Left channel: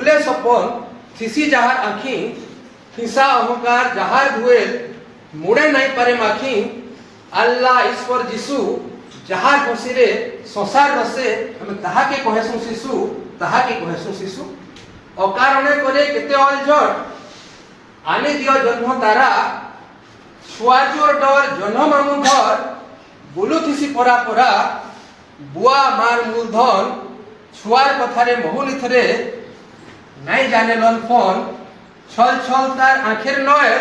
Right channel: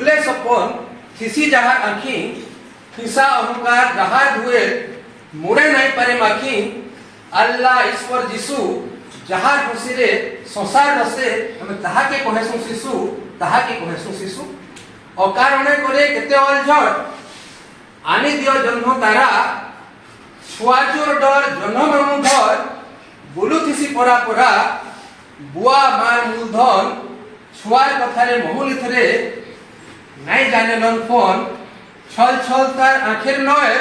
ভুলে সপন থিসি যাহার আঁখি হিংসা অহংকার যাহার ধুয়ে মুড়ে নাই পারে মাখি আল্লাহ ঈশ্বর যিশু যাহার খুশিরে সংসার বসে আমি তাহাকে কহেসু শিশু তাহাকে কহেসু শিশু অকারণে করে কেতে অলঝট আনি দিও জন্ম তারা ছুয়াচোর ডর জন্ম মামু ঘর বুলুথিসি পরা পরা বুয়া মার মূলধন ছুয়ার কথারে মহুনিথরে নাই জানেলন ফোন ছল ছল তার আঁখের নয়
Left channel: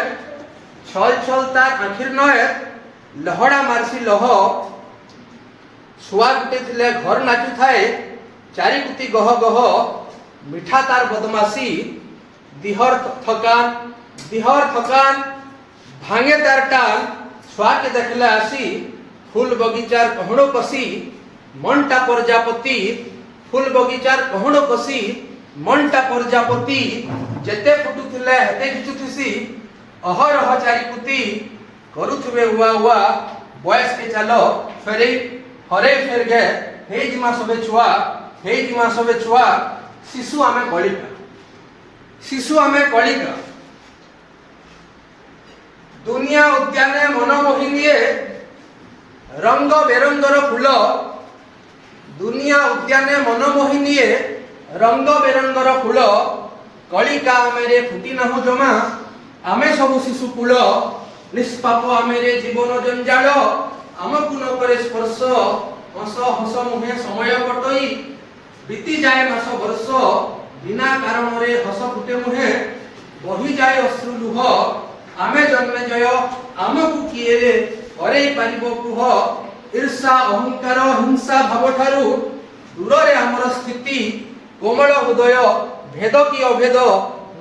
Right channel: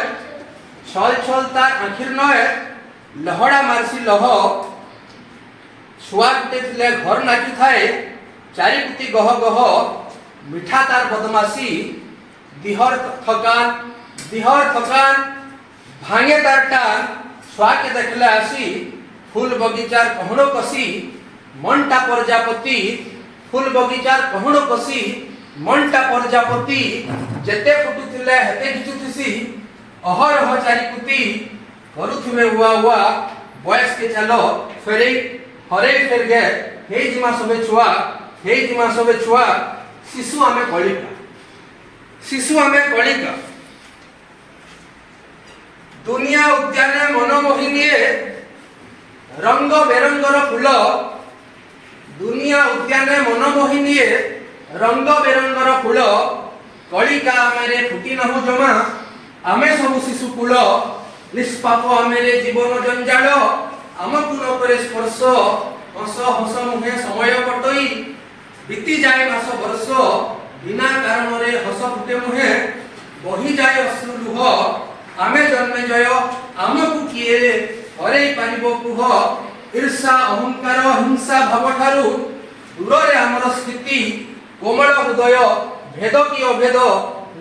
ছল ছল তার আঁখের নয় লহড়া মারসি লহ ছুয়া গুটে থিলে ঘর নাচু থায়ে চারিকুতি গহ গহ মিঠা তার বদমাসি দিহর থকান ভাঙে তার টান ছুয়াকে দেখলে আসি ফুল বগিচার কহণ কষি মনটা প্রজাপতি ফুল বগিচার কহণ কষি মনটা প্রজাপতি যেতে ফুটুଥିଲେ হেতে ঘিচুথিসি অহরহ চারিকুতি କରୁଥିବେ ଉଆ ଉଆ ବୟସକେ ଚାଲ ଫେରେଇ ହରେଇ ଫେରগে ହେଇଯିମା ସବେ ଛୁଆ ଶିଶୁ ଆମେ କଳିକା ଦୁନିଆ ଉଦ୍ୟାନେ ମନ ମୋହିନିଏ ରଙ୍ଗ ବେରଙ୍ଗର ଫୁଲ ଦୁନିଆ ଉଦ୍ୟାନେ ମନ ମୋହିନିଏ ରଙ୍ଗ ବେରଙ୍ଗର ଫୁଲ କଳିକା ଆମେରେ ଫୁଟି ନାହୁଁ ଜମା ଆମେ ସବୁ ଶିଶୁ କୁଳ ନିଷ୍ପାପ ଆମେରେ ଜୀବନ ଜଞ୍ଜାଳ ଆମକୁ ନ କରେ ସ୍ପର୍ଶ ହସ ହସ ମୁହେ ସମୟ କଟଇ ବିତିଯାଏ ମାସ ବର୍ଷ ବିନା କାରଣରେ ହସ ଫୁଟେ ମୁହେ ବହିଯାଏ ଅଶ୍ରୁ ଲୁହ ଆମେ ଜନ୍ମେଜୟ ଆମକୁ କିଏ ହରେଇ ପାରିବ କୁହ ଈର୍ଷା ଅହଙ୍କାର ହିଂସା ଭାବଠାରୁ ଦୂରରେ ଆମର ସ୍ଥିତି କୋମଳ ହୃଦୟ ଭେଦ କି ଅଭେଦ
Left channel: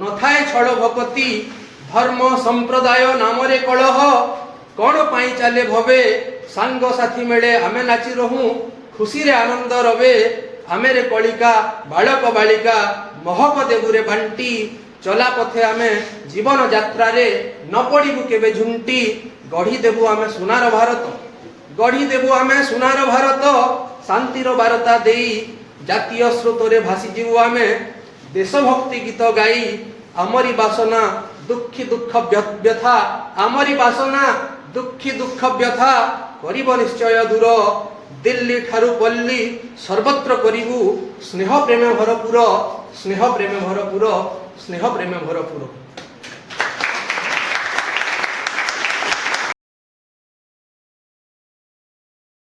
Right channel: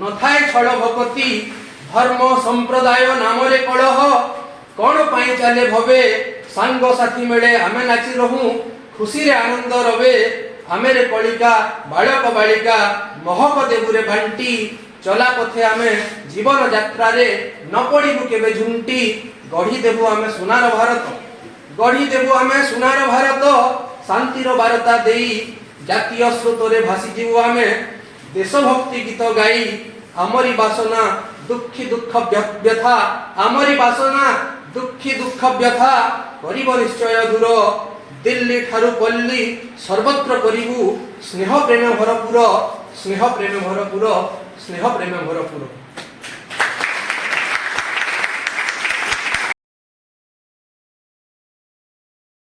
ନଥାଏ ଛଳ ଭକତି ଧର୍ମ ସମ୍ପ୍ରଦାୟ ନାମରେ କଳହ କଣ ପାଇଁ ଚାଲେ ଭବେ ସାଙ୍ଗ ସାଥୀ ମିଳେ ଆମେ ନାଚି ରହୁ ଖୁସିରେ ଆନନ୍ଦ ରବେ ଆମେରେ କଳିକା ବାଳକ ବାଳିକା ମହକ ଦେବୁରେ ବାଣ୍ଟି ଚଲା ପଥେ ଆମେ ଜୀବନ ଯାତ୍ରାରେ ନ ପଡ଼ିବୁ କେବେ ଝୁଣ୍ଟି ଗଢ଼ିଦେବୁ ଆମେ ସୁନାର ଭାରତ ଶାନ୍ତିର ବାରତା ଦେଇ ଜାତୀୟ ସ୍ରୋତରେ ଭାସିଯିବୁ ଆମେ ଦେଶଭକ୍ତି ଗୀତ ଗାଇ ଆମରି ବାସନା ଦୁଃଖୀ ଦୁଃଖ ବ୍ୟଥା କରିବ ନିଶ୍ଚୟ ଦୂର ଦିଲ୍ଲୀ ଠାରୁ ପଲ୍ଲୀ ସର୍ବତ୍ର କରିବୁ ସ୍ନେହ ପ୍ରେମ ଭରପୁର